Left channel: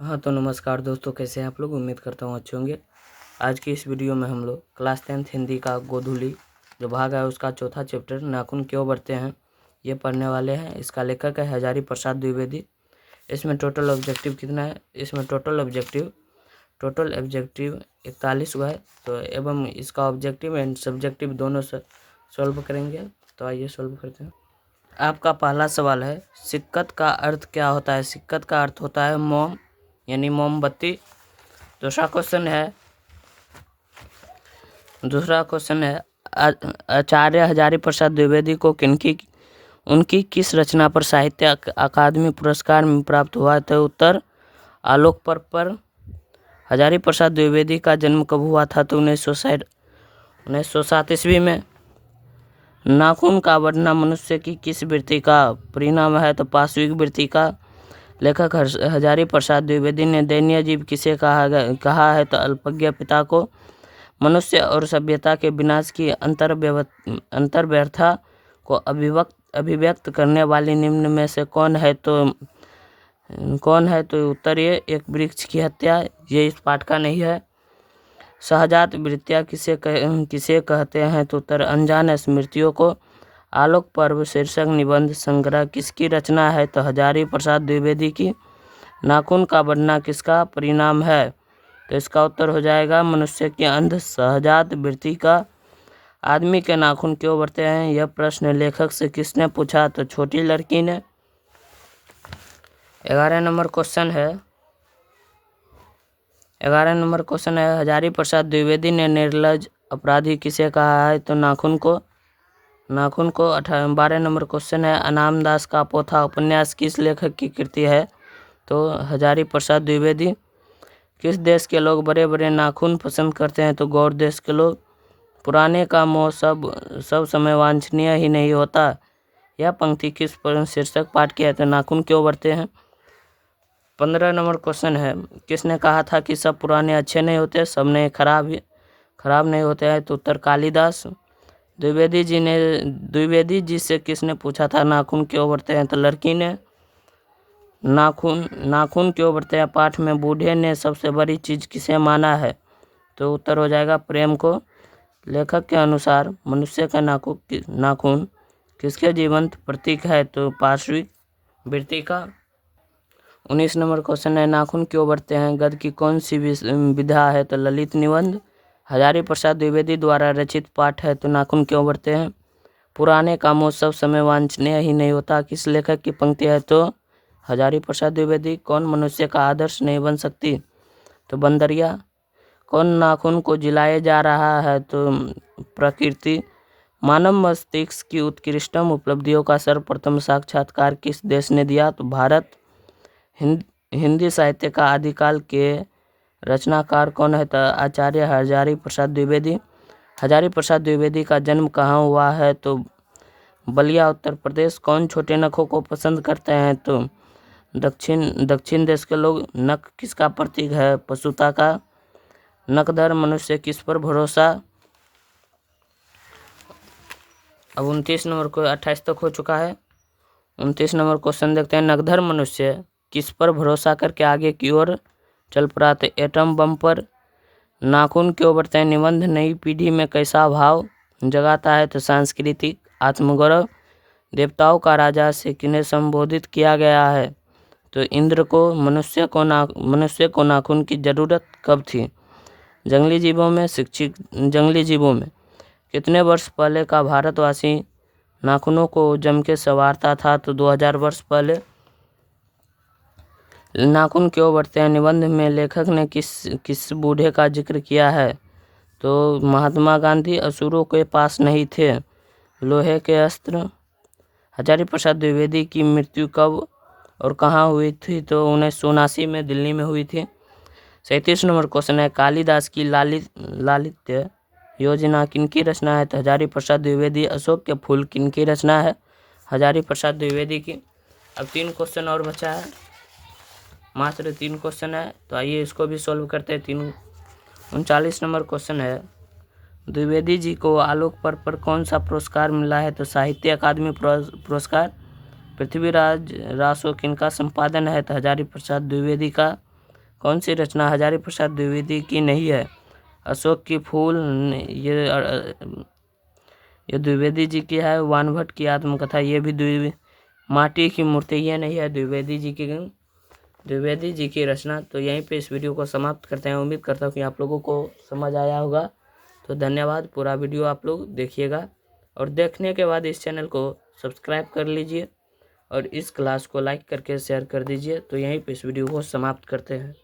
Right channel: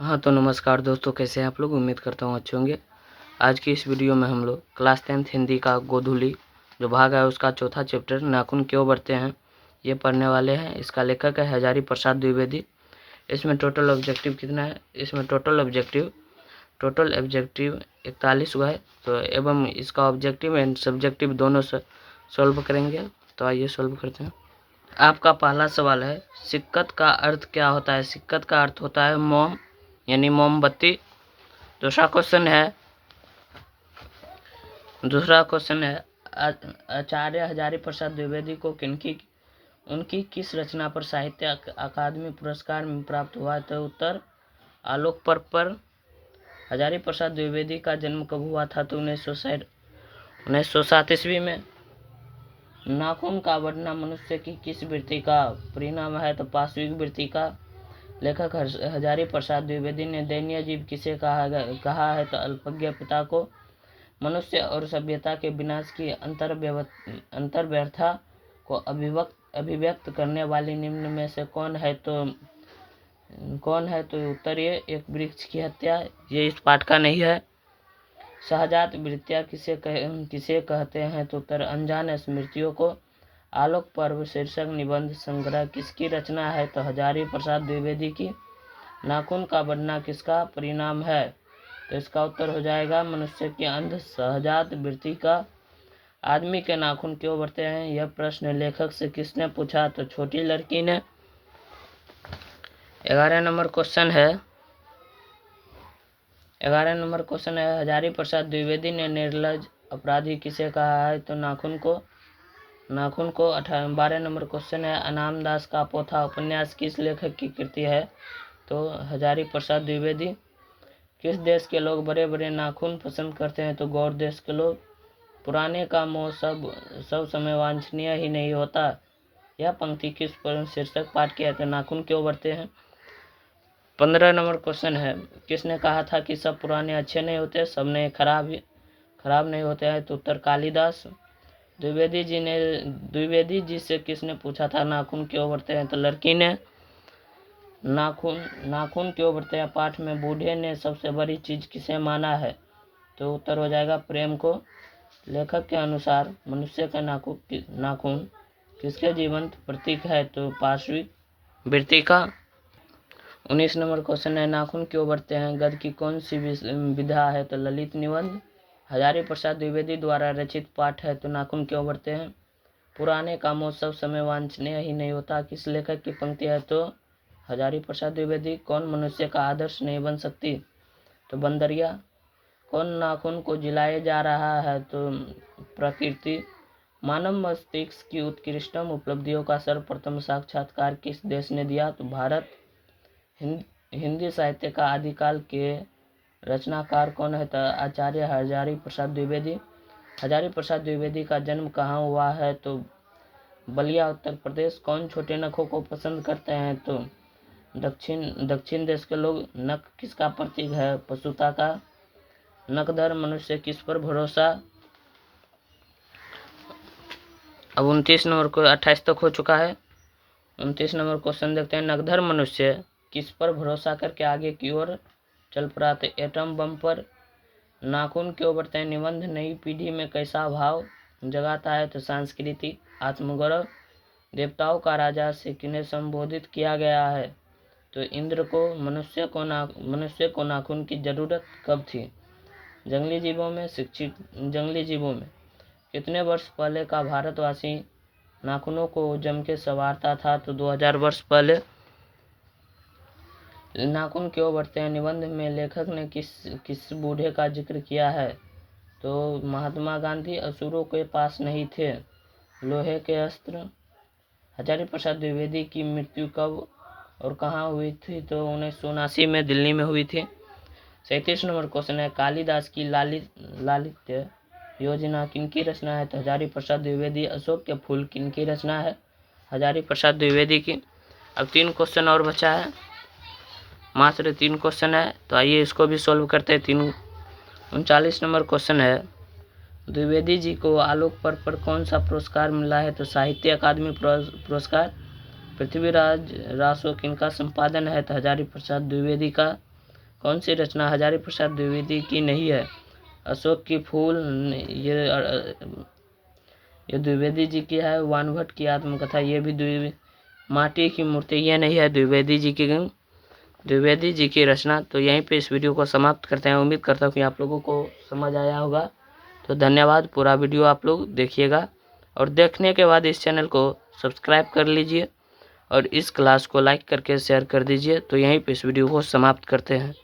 हाँ तो नमस्कार दोस्तों, कैसे हैं आप लोग। उम्मीद करता हूँ अच्छे होंगे। आज की इस वीडियो में हम लोग क्लास 10th हिंदी का गोधूली जो भाग है उसका चौथा चैप्टर नाखून क्यों बढ़ते हैं ये पढ़ने वाले हैं। इसका लेखक है हजारी प्रसाद द्विवेदी। इसमें टोटल ऑब्जेक्टिव कितना है, इसमें टोटल ऑब्जेक्टिव 41 हुआ है। तो एवं इसका ऑब्जेक्टिव एंड सब्जेक्टिव दोनों से सॉल्व करेंगे। तो आइए सॉल्व करते हैं। आपका पहला सवाल है, सिक्कत का अर्थ क्या होता है। सिक्कत का अर्थ होता है मोम यानी मोमबत्ती। दूसरा क्वेश्चन है आचार्य हजारी प्रसाद द्विवेदी को उनकी किस रचना पर साहित्य अकादमी पुरस्कार में प्राप्त हुआ। तो उत्तर आलोक पर्व पर। हजारी प्रसाद द्विवेदी का जन्म कब हुआ था। तो 1907 ईस्वी में। नाखून का बढ़ना मनुष्य की किस वृत्ति का परिणाम है। तो पार्श्विक वृत्ति का। लेखक हजारी प्रसाद द्विवेदी ने दयनीय जीव किसे कहा है। तो अल्पज्ञ पिता को। मनुष्य और सभ्यता के विनाश की अंतर्व्यर्था को अभिव्यक्त करने वाली निम्न में से कौन है। तो उत्तर ये एक वृक्ष की हत्या। ये इस पाठ का नहीं है। सहजात वृत्तियाँ किसे कहते हैं। तो उत्तर अनजान स्मृतियों को। आलोक पर्व शीर्षक निबंध संग्रह किसकी रचना है। तो हजारी प्रसाद द्विवेदी की। नाखून का बढ़ना किसका परिणाम है। तो इसका उत्तर हो जाएगा मनुष्य की अंध सहजात वृत्ति का। आदमी के नाखून क्यों बढ़ते हैं, यह प्रश्न लेखक से किसने पूछा। तो छोटी लड़की ने। 11 नंबर क्वेश्चन है हजारी प्रसाद द्विवेदी ने निर्लज अपराधी किसे कहा है। तो नाखून को। 12 नंबर क्वेश्चन है अनाम दास का पोथा उपन्यास किस लेखक की कृति है। तो हजारी प्रसाद द्विवेदी। किस देश के लोग बड़े बड़े नाखून पसंद करते हैं। तो गौड़ देश के लोग। पुराने का मोह सब समय वांछनीय ही नहीं होता। यह पंक्ति किस शीर्षक पाठ की है। तो नाखून क्यों बढ़ते हैं। 15 नंबर क्वेश्चन है किसने कहा था कि सब पुराने अच्छे नहीं होते, सब नए खराब नहीं होते हैं। तो उत्तर कालिदास। द्विवेदी जी से किसने पूछा था नाखून क्यों बढ़ते हैं। तो लड़की ने। नाखून क्यों बढ़ते हैं पाठ में बूढ़े ने सबसे बड़ी चीज किसे माना है। तो उत्तर हो जाएगा प्रेम को। लेखक के अनुसार मनुष्य का नाखून किसके जीवंत प्रतीक है। तो पार्श्विक वृत्ति का। 19 नंबर क्वेश्चन है नाखून क्यों बढ़ते हैं गद्य की कौन सी विधा है। तो ललित निबंध। हजारी प्रसाद द्विवेदी द्वारा रचित पाठ है। तो नाखून क्यों बढ़ते हैं। पुराने कामों सब समय वांछनीय ही नहीं होता किस लेखक की पंक्ति है। तो हजारी प्रसाद द्विवेदी। कौन मनुष्य का आदर्श नहीं बन सकती। तो बंदरिया। कौन नाखून को जिलाया जा रहा है। तो प्रकृति। मानव मस्तिष्क की उत्कृष्टतम उपलब्धियों का सर्वप्रथम साक्षात्कार किस देश ने दिया। तो भारत। हिंदी साहित्य का आदिकाल के रचनाकार कौन है। तो आचार्य हजारी प्रसाद द्विवेदी। हजारी प्रसाद द्विवेदी का जन्म कहाँ हुआ है। तो बलिया उत्तर प्रदेश। कौन छोटे नखों को पसंद करते हैं। तो दक्षिण देश के लोग। नख किसका प्रतीक है, पशुता का। नखधर मनुष्य किस पर भरोसा। अब 29 नंबर को 28 तक हो चुका है। 29 नंबर क्वेश्चन देखते हैं नखधर मनुष्य किस पर भरोसा करके आगे की ओर चल पड़ा। तो एटम बम पर। नाखून क्यों बढ़ते हैं निबंध नई पीढ़ी में कैसा भाव जगाता है। तो सांस्कृतिक आत्मगौरव। देवताओं का राजा से किन्हें संबोधित किया गया है। तो इंद्र को। मनुष्य को नाखून की जरूरत कब थी। जंगली जीवों में कितने वर्ष पहले का भारतवासी नाखूनों को जम के संवारता था। तो 2000 वर्ष पहले। नाखून क्यों बढ़ते हैं निबंध में लेखक ने किस बूढ़े का जिक्र किया है। तो महात्मा गांधी। असुरों के पास नहीं थे लोहे के अस्त्र। हजारी प्रसाद द्विवेदी की मृत्यु कब और कहाँ हुई थी। तो 1979 में दिल्ली में हुई थी। 37 नंबर क्वेश्चन है कालिदास की लालित्य योजना किनकी रचना है। तो हजारी प्रसाद द्विवेदी। अशोक के फूल किनकी रचना है। हजारी प्रसाद द्विवेदी की। अब 3 क्वेश्चन और बचा है, मात्र 3 क्वेश्चन है। तो आइए इसको भी सॉल्व करते हैं। 39 नंबर क्वेश्चन है द्विवेदी जी को आलोक पर्व पर कौन सा पुरस्कार मिला है। तो साहित्य अकादमी पुरस्कार। पृथ्वीराज रासो किनका संपादन है। तो हजारी प्रसाद द्विवेदी का। कौन सी रचना हजारी प्रसाद द्विवेदी की नहीं है? अशोक की फूल ये द्विवेदी जी की है। वानभट्ट की आत्मकथा ये भी माटी की मूर्ति ये नहीं है द्विवेदी जी की रचना। तो यहीं पे इस वीडियो को समाप्त करते हैं। उम्मीद करता हूँ कि आप लोगों को समझ आया होगा। तो धन्यवाद। पूरा वीडियो आप लोग देखिएगा और देखने के बाद इस चैनल को सब्सक्राइब कर लीजिए और इस क्लास को लाइक करके शेयर कर दीजिए। तो यहीं पे इस वीडियो को समाप्त करते हैं।